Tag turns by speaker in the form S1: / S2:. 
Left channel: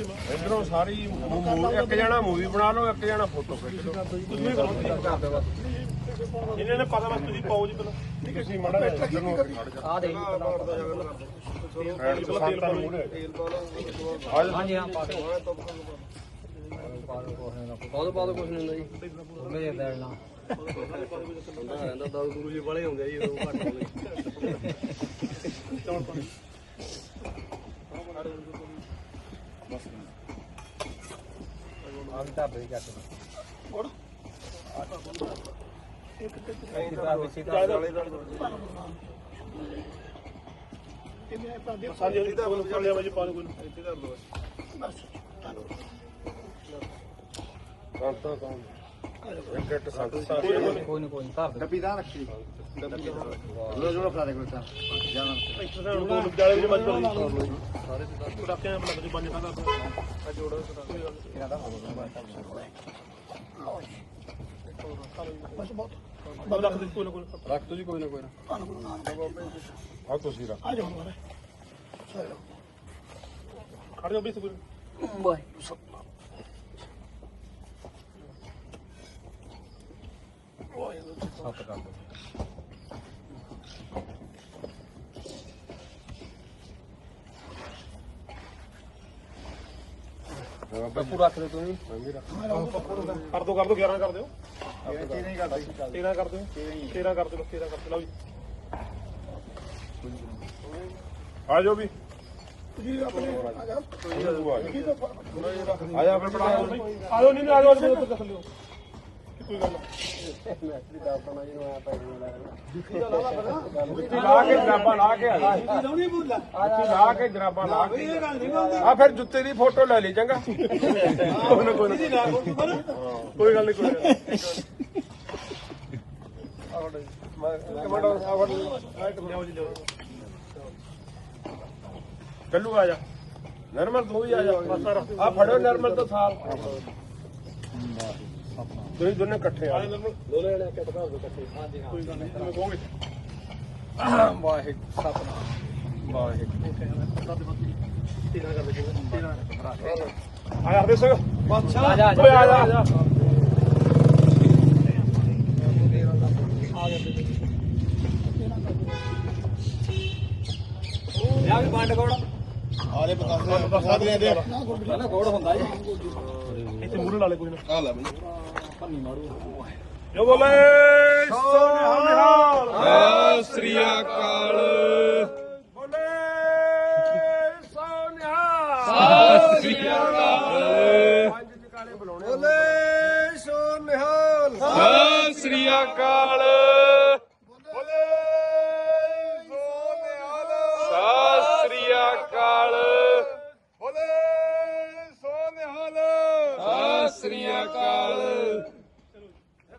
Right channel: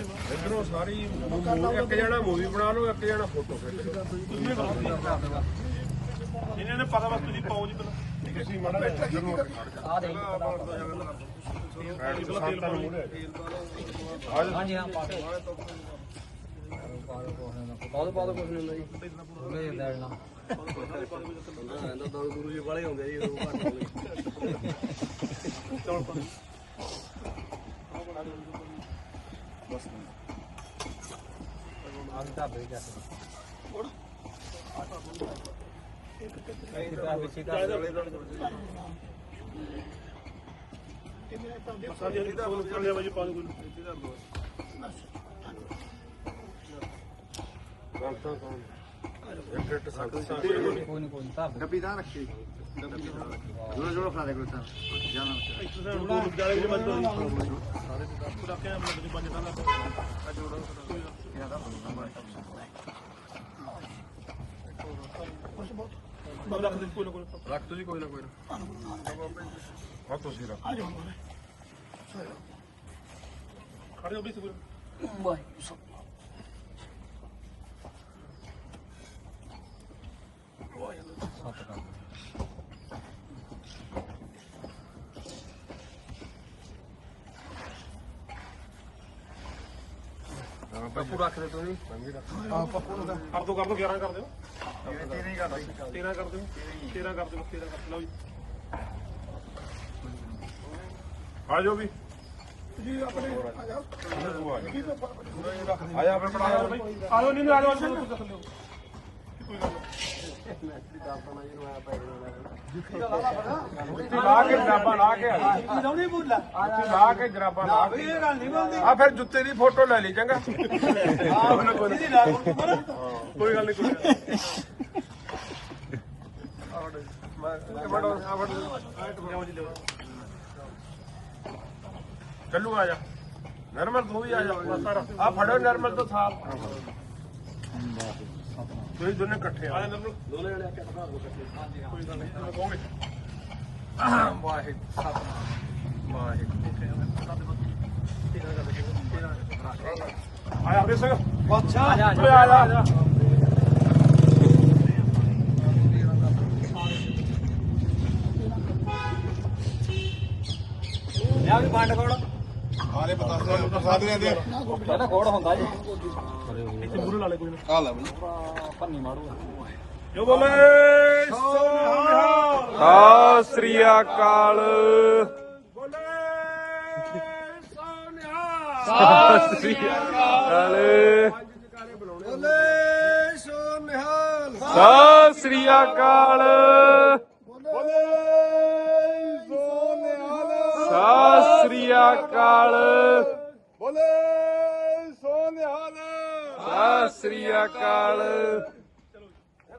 S1: इधरों सारी एक जना मूवी बना लो, एक जना फोटो जिन्हें ने पता बस तुझी पाओ जी पहले किसी माड़ा आ दे हां जी हां पा दो कुछ नहीं ਹੁੰਦਾ ਜੀ ਮੈਂ ਦੇਣਾ ਦਾਰੂ ਦੂਰੂ ਜੀ ਵਾਲੇ ਹੁੰਦੇ ਜੀ ਉਹ ਘੱਟ ਹੋਵੇ ਚੌਲ ਪਾਣੀ ਬਸ ਆਹ ਢਾਬੇ ਚੱਕ ਹੋਰ ਇੱਕ ਤੇ ਵਿੱਚ ਵਾਲੇ ਸਾਡੀ ਇਹਦੀ ਤਾਂ ਕਰ ਲਿਆ ਬਾਜੀ ਪਾਣੀ ਕੋਈ ਇੱਥੇ ਕਰ ਦੋ ਬਸ ਕੋਈ ਨਾ ਡੱਬੀ ਦਾ ਰੱਖੀ ਜੋੜਾ ਜੋੜਾ ਫੜਾ ਦੇ ਕੋਈ ਤਾਂ ਜਾਣਾ ਜਾਲੇ ਦੇ ਬੱਚੇ ਸਾਰੇ ਰੱਖਿਆ ਬਣਾ ਦੇ ਪੰਜ ਦਾ ਆ ਜੋੜਾ ਇਹਨਾਂ ਦਾ ਰੱਖ ਦੇ ਕੋਈ ਨਾ ਕੋਈ ਰੱਖ ਦੋ ਜੀ ਕੋਈ ਨਾ ਕੋਈ ਆ ਤੁਸੀਂ ਰੱਖ ਆ ਜਾਓ ਖੜ ਜਾਓ ਬੀਸ ਬਾਈ ਸੱਤ ਕਰ ਦੋ ਪੱਪੂ ਰੱਖ ਦੇ ਤੁਸੀਂ ਪੱਪੂ ਕਰ ਦੋ 11 ਕਰ ਦਿਓ 13 ਕਰ ਦਿਓ 13 ਕਰ ਦਿਓ 13 ਕਰ ਦਿਓ 13 ਕਰ ਲਓ ਜੀ ਆ ਜਾਓ ਵੀ ਜੀ ਆਪਣੇ ਆ ਜਾਓ ਆ ਜਾਓ ਨਹੀਂ ਆ ਜਾਓ ਤੋਂ ਕੱਟ ਲਿਓ ਕੋਈ ਗੱਲ ਨਹੀਂ ਦਾਬਾ ਨਾ ਜੀ ਪੈ ਜੁੱਤੀ ਦਾ ਲਾ ਕੇ ਜਰਾਬਾ ਲਾ ਕੇ ਨਹੀਂ ਬੋਲਦਾ ਲਾ ਕੇ ਜਰਾਬਾ ਲਾ ਕੇ ਇਹ ਗੱਲ ਨਹੀਂ ਬੋਲਦੀ ਆ ਫਿਰ ਜੁੱਤੇ ਦੀ ਫੋਟੋ ਲੈ ਲਈ ਚੰਗਾ ਕੋਈ ਨਾ ਕੋਈ ਗੱਲ ਨਹੀਂ ਕੱਲੂ ਆ ਜਾ ਨਰਮਲ ਤੂੰ ਵੀ ਆ ਜਾ ਆ ਫੜੋ ਨਰਮਲ ਤੋਂ ਥਾਲ ਤੁਸੀਂ ਦੋਨੇ ਇਕੱਠੇ ਆ ਦੋਨੇ ਜਣੇ ਚੱਕਦਾ ਹੋ ਇਕੱਠੇ ਕੋਈ ਗੱਲ ਨਹੀਂ ਤੁਸੀਂ ਕਹੋਗੇ ਵਾਹਿਗੁਰੂ ਸਤਨਾਮ ਵਾਹਿਗੁਰੂ ਆ ਯਾਰ ਦੇ ਸਿੰਘ ਬਾਦਸ਼ਾਹ ਆ ਜਾ ਲਿਆ ਵੀ ਪੰਡ ਕੋੜ ਆਰੇ ਬਤਾ ਦੇ ਪਹਿਲਾਂ ਕੋੜ ਹੁੰਦਾ ਜੀ ਇੱਥੇ ਮੂਹਰੇ ਲਾ ਲੈ ਕੋਈ ਨਾ ਆ ਲੈ ਪੰਨੀ ਮਾਰੂਗਾ ਜੋ ਬੋਲੇ ਸਤਿ ਸ੍ਰੀ ਅਕਾਲ ਬੋਲੇ ਸੋਨਿਹਾਲ ਸਤਿ ਸ੍ਰੀ ਅਕਾਲ ਬੋਲੇ ਸੋਨਿਹਾਲ ਸਤਿ ਸ੍ਰੀ ਅਕਾਲ ਬੋਲੇ ਸੋਨਿਹਾਲ ਸਤਿ ਸ੍ਰੀ ਅਕਾਲ ਬੋਲੇ ਸੋਨਿਹਾਲ ਸਤਿ ਸ੍ਰੀ ਅਕਾਲ